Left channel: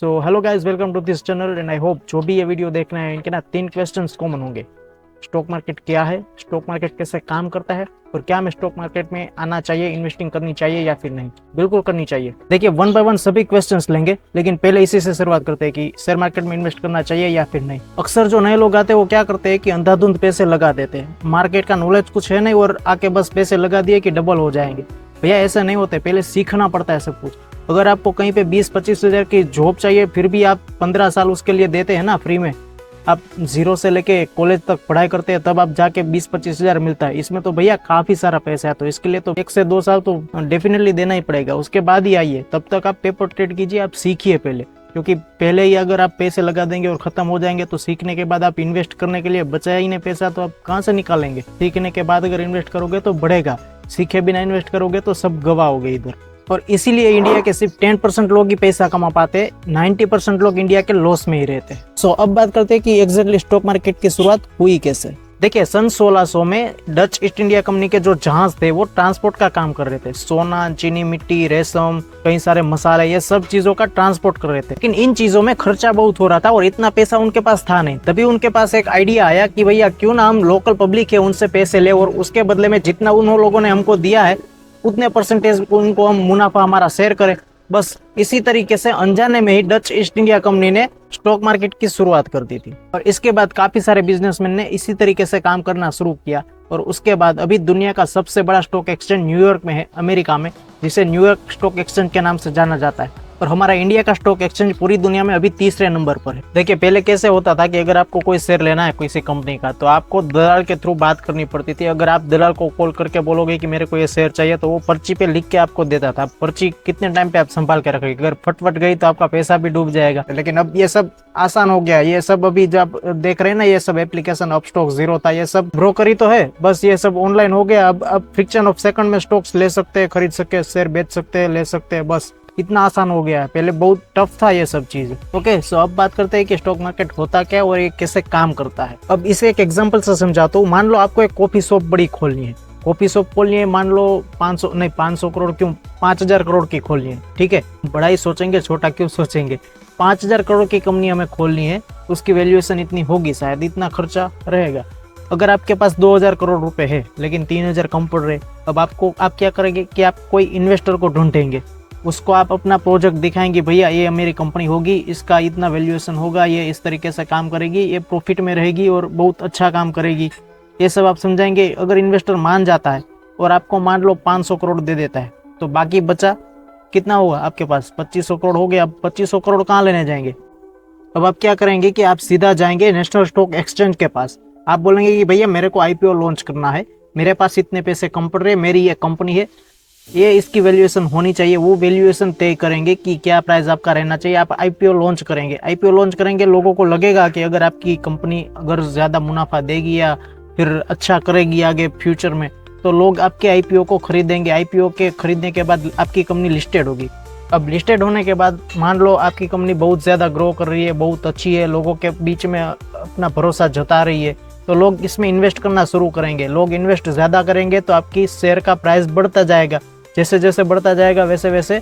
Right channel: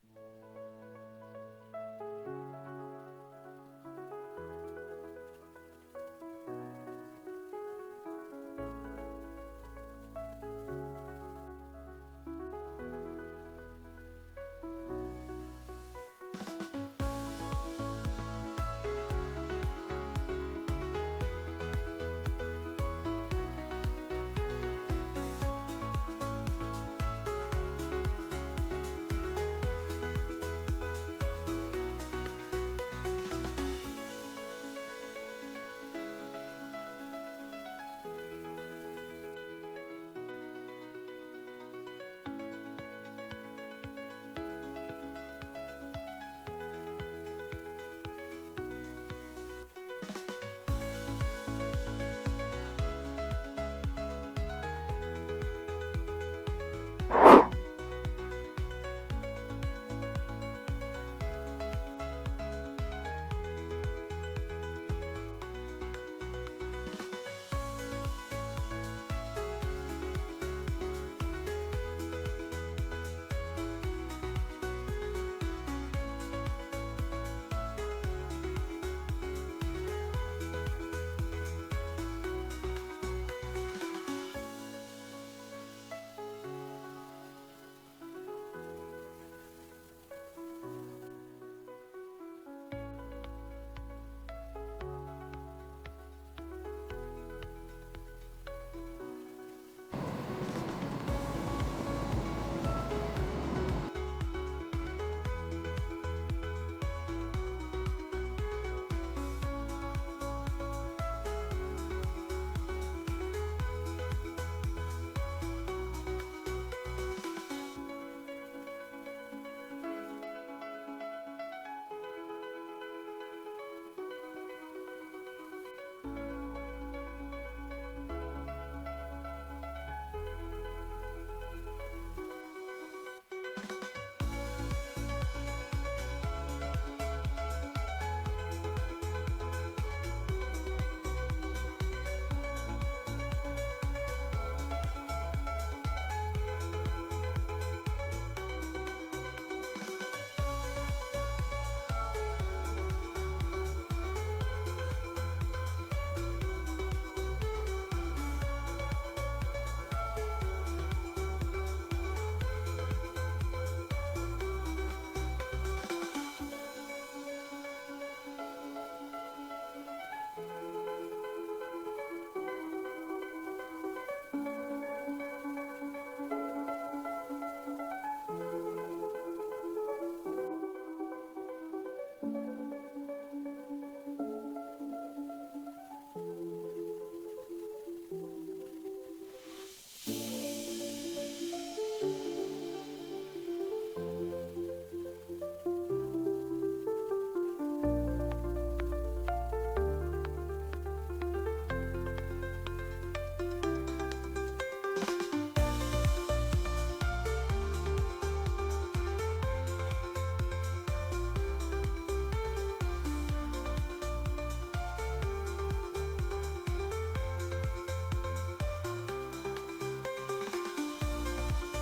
So hello guys, welcome to this channel and I hope जो भी ये video देख रहे हैं इनके ना 3 क्वेश्चंस कॉमन होंगे। स्टॉक मार्केट क्या है, स्टॉक मार्केट कैसे काम करता है और क्या हमें स्टॉक मार्केट में आना चाहिए, इन्वेस्टिंग करनी चाहिए या फिर नहीं। बिल्कुल करनी चाहिए। देखिए, वन बाय वन सभी क्वेश्चंस लेंगे, लेकिन पहले इसी से शुरुआत करते हैं कि शेयर मार्केट में इन्वेस्ट करना चाहिए या फिर नहीं। अक्सर जो नए लोग आते हैं वो क्या करते हैं कि अंधाधुंध पैसे लगा देते हैं। मार्केट का नॉलेज कुछ है नहीं और आके बस पैसे लगा दिए कि डबल हो जाएंगे। भैया ऐसा नहीं होता है, पहले सीखना पड़ता है सब कुछ। अगर आपको कहीं पे 20-25 हज़ार की जॉब चाहिए फिर भी आप 15 साल उसके लिए देते हैं ना फ्री में, आप जीरो से लेके कॉलेज तक पढ़ाई करते हैं तब आप जाके 20-25 हज़ार मिलता है। इसमें तो भैया काफी सारा पैसा है, तो इसके लिए तो 1 से 2 साल तो डेफिनेटली देना ही पड़ेगा। उसके बाद ही आइए, तब तक आप पेपर ट्रेड कीजिए, आप सीखिए पहले। क्योंकि पहले ही अगर आप पैसे लगा देंगे और खत्म हो जाएंगे तो सीखने के बाद आप इन्वेस्ट करने के लिए बचा ही नहीं पैसा, तो आप कहाँ से निकालेंगे। सीखने के बाद अगर इन्वेस्ट करोगे तो बढ़ेगा, सीखे बिना इन्वेस्ट करोगे तो सब गवाओगे इधर। और इसीलिए इंडिया के सिर्फ 10% लोग ही पैसा कमा पाते, 90% लोग इंडिया के लॉस में ही रहते। सो अब बात करते हैं कि एग्जैक्टली स्टॉक मार्केट की शुरुआत हुई कैसे। देखिए, सन 1600 में डच ईस्ट इंडिया कंपनी के जो जहाज थे वो ट्रांसपोर्ट का काम कर रहे थे। सोना, चीनी मिट्टी, रेशम, कई सारे मसाले, ये सब चीजों का ट्रांसपोर्ट कर रहे थे। लेकिन इन चीजों में खर्चा बहुत हो रहा था और इतना पैसा उनके पास था नहीं। तभी उनके पास एक आइडिया आया कि भैया क्यों ना हम लोकल पब्लिक है उनसे पैसे ले और उसके बदले में जितना उन लोगों ने हमको दिया है उतने परसेंटेज उनको हम मुनाफा हमारा शेयर करें। बस इसी तरीके से अनजाने में ही डच ईस्ट इंडिया कंपनी ने स्टॉक मार्केट की शुरुआत कर दी थी। और इसके बाद काफी सारे बिजनेसमैन ने इसी तरीके से काम करना शुरू किया। और उसके बाद अभी दुनिया का सबसे बड़ा स्टॉक एक्सचेंज न्यूयॉर्क में है, अमेरिका में, जिसे न्यूयॉर्क स्टॉक एक्सचेंज के नाम से जाना जाता है। और हमारा इंडिया का स्टॉक एक्सचेंज पूरी दुनिया में अभी तीसरे नंबर पर है। देखिए, पहले कैसे होता था कि अगर आपको कोई शेयर लेना है किसी कंपनी का तो आपको दलाल के थ्रू बात करनी पड़ती थी। अगर आप दलाल को कॉल करके बोलोगे कि मेरे को ये शेयर चाहिए तो वो पर्ची पे लिख के आपको देता था। पर्ची कितने टाइम पे आप संभाल के रखोगे, अगर फटफट गई तो आपका पैसा भी डूब जाएगा। लेकिन अब ये सब आसान हो गया। ये सब अभी जब देख रहे हैं ना, ये सब एप्लीकेशन, अपस्टॉक, जीरो था, ये सब ब्रोकरी तो है, बस ये सब ऑनलाइन हो गया। अब फ्रिक्शन ऑफ सेकंड में स्टॉक्स ले सकते हैं, खरीद सकते हैं, शेयर बेच सकते हैं, ले सकते हैं, बस इतना आसान हो गया है। पहले बहुत टफ था ये सब चीज। ओके, सो अब बात करते हैं कि स्टॉक मार्केट होता क्या और ये कैसे काम करता है। अब इसे एक एग्जांपल से समझाता हूँ। मान लो आपको एक कॉफी शॉप बड़ी खोलनी है, कॉफी शॉप खोलनी है, मान लो 500 करोड़ क्यों, 5000 करोड़ की खोलनी है, ठीक है। बड़ा ही सोचेंगे, छोटा क्यों सोचेंगे। 5000 करोड़ की कंपनी हमें खोलनी है, उसकी वैल्यूएशन इतनी होगी, शायद इतना खर्चा रहेगा। अगर आपके पास 2000 करोड़ रुपए है लेकिन 3000 कम पड़ रहे, अब आप क्या करेंगे कि आप कोई इन्वेस्टर को ढूंढेंगे, उसको आप अपना प्रोजेक्ट दिखाएंगे, भैया ये मेरी कंपनी होगी, इसका इतना वैल्यूएशन होगा, ये इस तरीके से काम करेगी, ये प्रॉफिट में रहेगी और बहुत अच्छा काम करेगी, ये सब आप समझाएंगे। अगर इन्वेस्टर मान जाता है और आपको मान लो 500 करोड़ दे देता है तो बाकी बचा कितना होगा आपके पास, 2500 करोड़ हो गया। अब 2500 करोड़ कहाँ लेने जाएंगे। अब आप क्या करेंगे कि आप सीधा जाएंगे नेशनल स्टॉक एक्सचेंज के पास। आप बोलेंगे कि भैया मेरे को आईपीओ लॉन्च करना है, मेरे पास इतने पैसे कम पड़ रहे, मेरी ये कंपनी है, ये इसकी वैल्यूएशन होनी चाहिए। वो वैल्यूएशन तय करेंगे कि क्या प्राइस आपका रहना चाहिए। आप आईपीओ लॉन्च करेंगे। आईपीओ लॉन्च करेंगे, लोगों को लगेगा कि अगर आपकी कंपनी अगर ज़्यादा मुनाफा देगी या फिर अच्छा करेगी आगे फ्यूचर में, तो लोग आपके आईपीओ को खरीदेंगे। आईपीओ के खरीदने के बाद आपकी कंपनी लिस्टेड होगी। अब लिस्टेड होने के बाद मान लो आपकी कंपनी बहुत ज़्यादा ग्रो कर रही है, बहुत अच्छी है, लोगों के बीच में अपना भरोसा जता रही है, तो लोग इसमें इन्वेस्ट करना शुरू करेंगे। लोग इन्वेस्ट ज़्यादा करेंगे तो आपकी शेयर का प्राइस बढ़ता जाएगा। जैसे जैसे बढ़ता जाएगा वैसे वैसे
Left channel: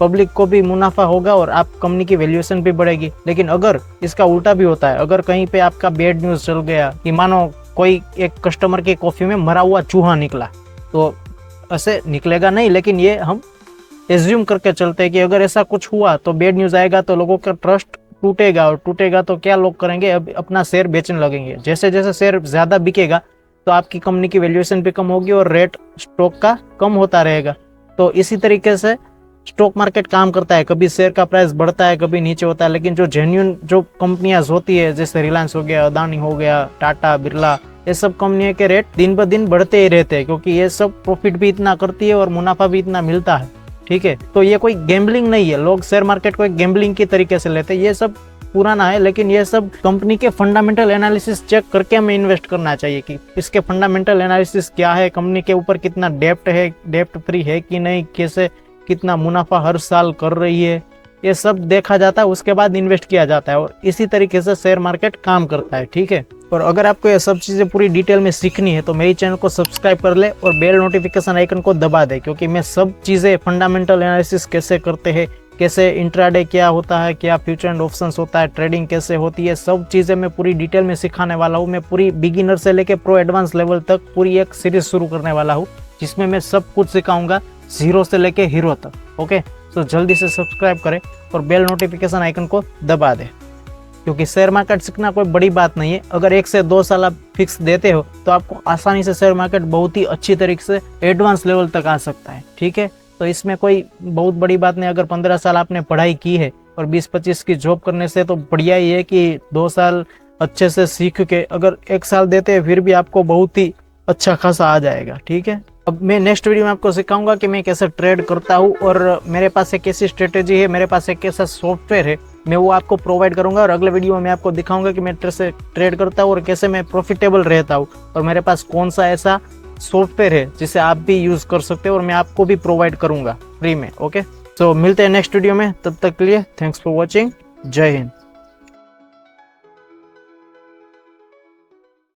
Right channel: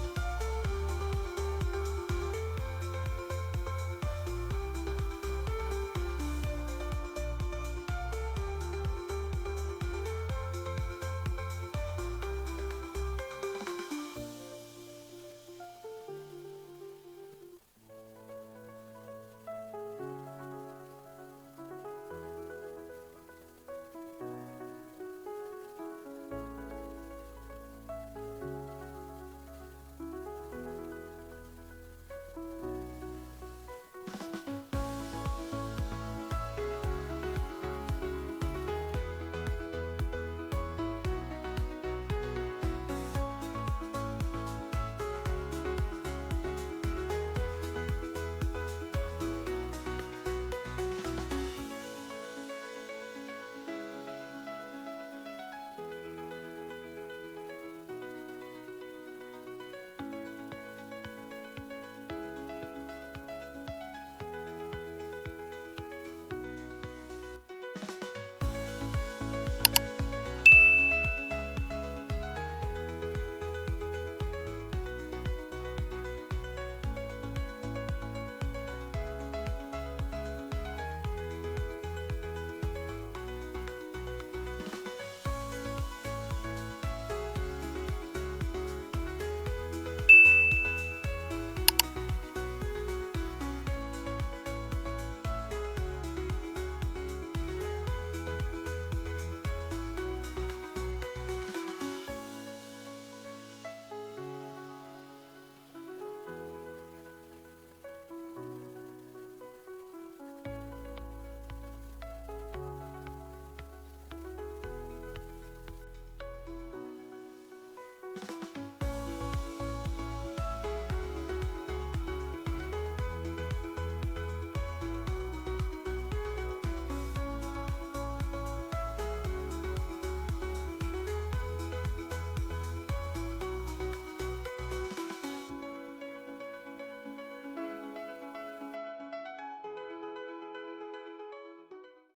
पब्लिक को भी मुनाफा होगा और आप कंपनी की वैल्यूएशन भी बढ़ेगी। लेकिन अगर इसका उल्टा भी होता है, अगर कहीं पे आपका बैड न्यूज़ चल गया कि मानो कोई एक कस्टमर की कॉफ़ी में मरा हुआ चूहा निकला, तो ऐसे निकलेगा नहीं, लेकिन ये हम एज्यूम करके चलते हैं कि अगर ऐसा कुछ हुआ तो बैड न्यूज़ आएगा तो लोगों का ट्रस्ट टूटेगा, और टूटेगा तो क्या लोग करेंगे, अब अपना शेयर बेचने लगेंगे। जैसे जैसे शेयर ज़्यादा बिकेगा तो आपकी कंपनी की वैल्यूएशन भी कम होगी और रेट स्टॉक का कम होता रहेगा। तो इसी तरीके से स्टॉक मार्केट काम करता है। कभी शेयर का प्राइस बढ़ता है, कभी नीचे होता है। लेकिन जो जेन्युइन जो कंपनियां होती है, जैसे रिलायंस हो गया, अदानी हो गया, टाटा, बिरला, ये सब कंपनियों के रेट दिन ब दिन बढ़ते ही रहते हैं, क्योंकि ये सब प्रॉफिट भी इतना करती है और मुनाफा भी इतना मिलता है, ठीक है। तो ये कोई गैम्बलिंग नहीं है। लोग शेयर मार्केट को एक गैम्बलिंग की तरीके से लेते हैं, ये सब पुराना है। लेकिन ये सब कंपनी के फंडामेंटल एनालिसिस चेक करके हमें इन्वेस्ट करना चाहिए कि इसके फंडामेंटल एनालिसिस क्या है, कंपनी के ऊपर कितना डेप्ट है, डेप्ट फ्री है कि नहीं, कैसे कितना मुनाफा हर साल कर रही है, ये सब देखा जाता है। उसके बाद इन्वेस्ट किया जाता है और इसी तरीके से शेयर मार्केट काम करता है, ठीक है। और अगर आपको ये सब चीज़ें पूरी डिटेल में सीखनी है तो मेरी चैनल को सब्सक्राइब कर ले और बेल नोटिफिकेशन आइकन को दबा दे, क्योंकि मैं सब चीज़ें फंडामेंटल एनालिसिस कैसे करते हैं, कैसे इंट्राडे क्या होता है, क्या फ्यूचर एंड ऑप्शंस होता है, ट्रेडिंग कैसे होती है, सब चीज़ें मैं पूरी डिटेल में सिखाने वाला हूँ। मैं पूरी बिगिनर से लेके प्रो एडवांस लेवल तक पूरी एक सीरीज शुरू करने वाला हूँ, जिसमें मैं सब कुछ सिखाऊंगा, जीरो से लेके हीरो तक। ओके, तो जल्दी से सब्सक्राइब करें और बेल नोटिफिकेशन आइकन को दबा दें, क्योंकि शेयर मार्केट सीखना कोई बड़ी बात नहीं है। अगर 1 से 2 साल आप फिक्स देते हो तो आपको आसानी से शेयर मार्केट बहुत ही अच्छी तरीके से एडवांस लेवल तक आ सकता है। ठीक है, तो इसमें कोई बहुत बड़ी बात नहीं। अगर 15 साल आपने पढ़ाई की है और 20-25 की जॉब करने से तो बढ़िया ही है कि 2 साल अच्छे से सीख के अगर 1 साल देते हैं फिर भी आपको बहुत ही अच्छा खासा आ जाएगा। ठीक है, अब मैं नेक्स्ट वीडियो में आपको सिखाऊंगा कि मैं कैसे ट्रेड करता हूँ और मेरे पास एक कैसी स्ट्रेटेजी है, मेरे पास एक कैसा सॉफ्टवेयर है, मैं वो आपको प्रोवाइड करूंगा। और अगले वीडियो में मैं आपको दिखाऊंगा कि मैं कैसे ट्रेड करता हूँ और कैसे मैं प्रॉफिटेबल रहता हूँ, और मेरे पास कौन सा ऐसा सॉफ्टवेयर है जिसे आप भी यूज कर सकते हो और मैं आपको भी प्रोवाइड करूंगा फ्री में। ओके, तो मिलते हैं नेक्स्ट वीडियो में, तब तक के लिए थैंक्स फॉर वॉचिंग। जय हिंद।